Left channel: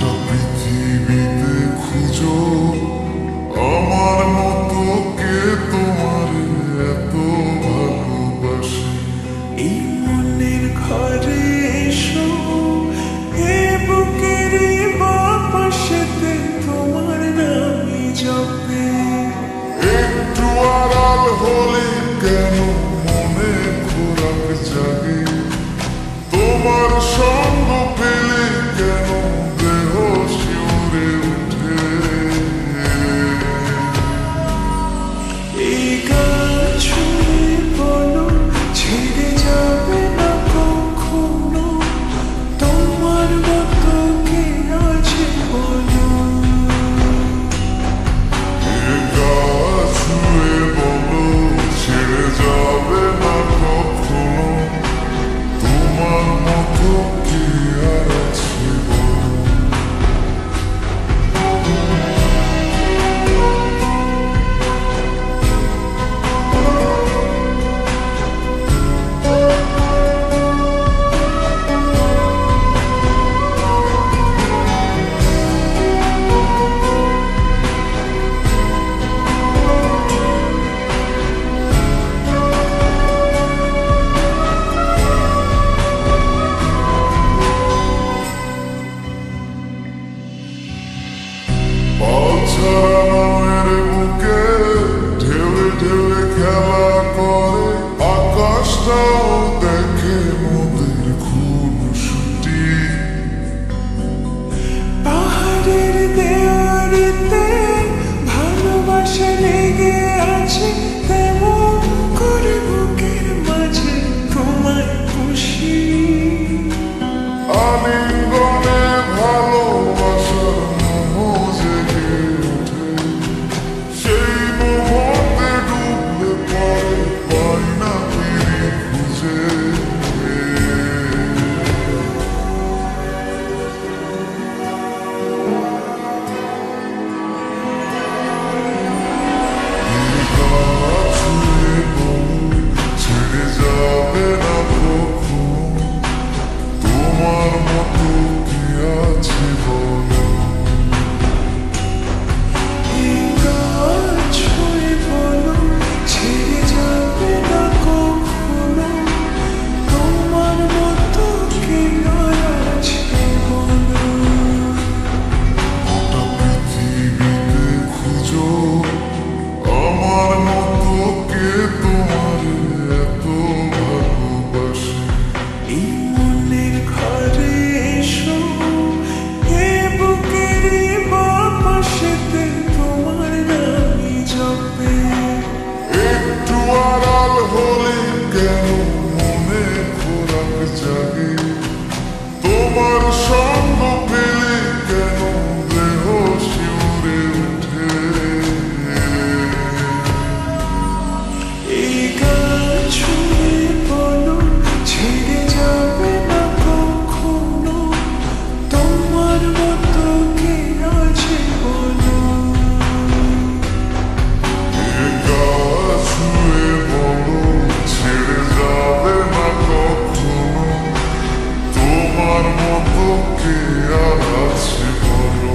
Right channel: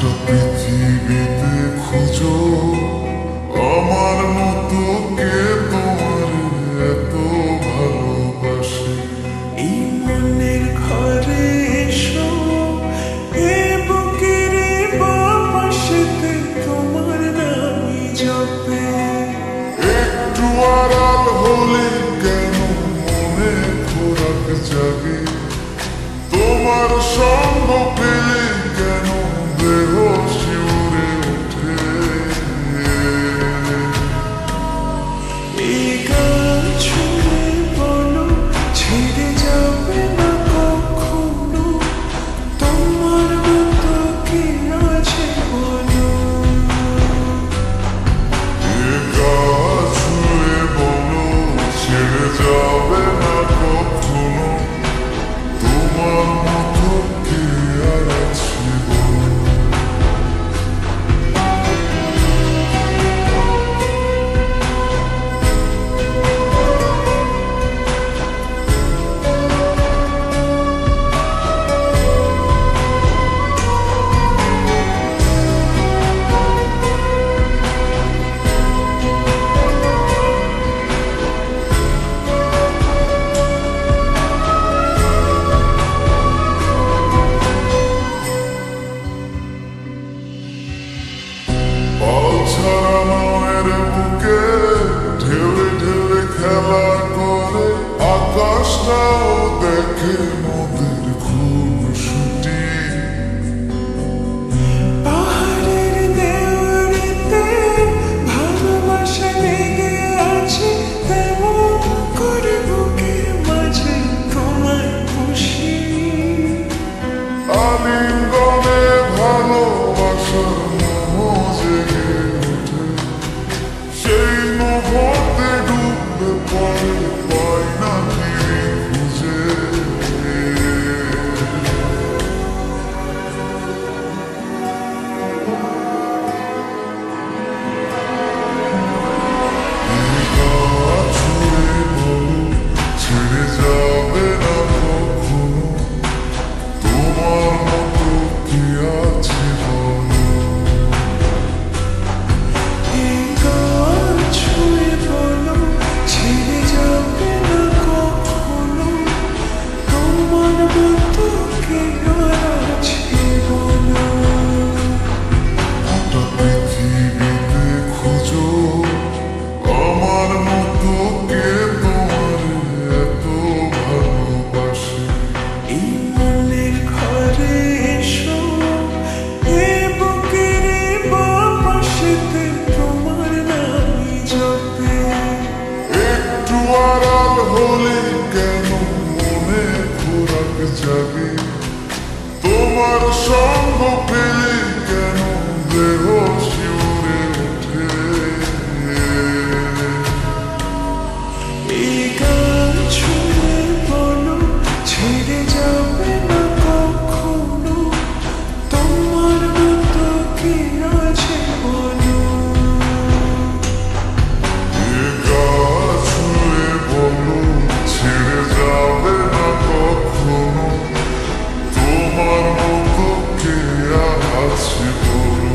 গোটা পৃথিবীতে খুঁজো আমার মতো কে তোমার এত ভালোবাসে। এই মনের ঘরে এসো, এ বুকের বাপাশেতে তোমার নামই জপে। একটু আড়াল হলে কেন মনে খোরাক জাগে, তোমার সঙ্গ পেলে কেন দেহ শিউরে ওঠে। এই গান শুনে বলো ছেড়ে যাবে না কখনো, তোমার মতো কে আছে বলো। এ গা ছুঁয়ে বলো ছেড়ে যাবে না কখনো, তোমার মতো কে আর আছে বলো। পাল ছাড়া নামের বুকে ঢেউে ঢেউে খেলা করে, আকাশটাও দেখে মোদের খুনসুটি। পাহাড়ের দেওয়ারিতে ভালোবাসা লেগে আছে, তেমন করে বুকের মাঝে তোমায় খুশি। আলিঙ্গনে ভালোবাসার মোহ জেগে ওঠে, সেই মোহতে ডুবলে পরে পাই না ফিরে খুঁজে। ছুঁয়ে বলো ছেড়ে যাবে না কখনো, তোমার মতো কি আছে বলো। এই গান ছুঁয়ে বলো ছেড়ে যাবে না কখনো, তোমার মতো কে আর আছে বলো। গোটা পৃথিবীতে খুঁজো আমার মতো কে তোমার এত ভালোবাসে। এই মনের ঘরে এসো, এ বুকের বাপাশেতে তোমার নামই জপে। একটু আড়াল হলে কেন মনে খোরাক জাগে, তোমার সঙ্গ পেলে কেন দেহ শিউরে ওঠে। এই গান শুনে বলো ছেড়ে যাবে না কখনো, তোমার মতো কে আছে বলো। এ গা ছুঁয়ে বলো ছেড়ে যাবে না কখনো, তোমার মতো কে আর আছে বলো।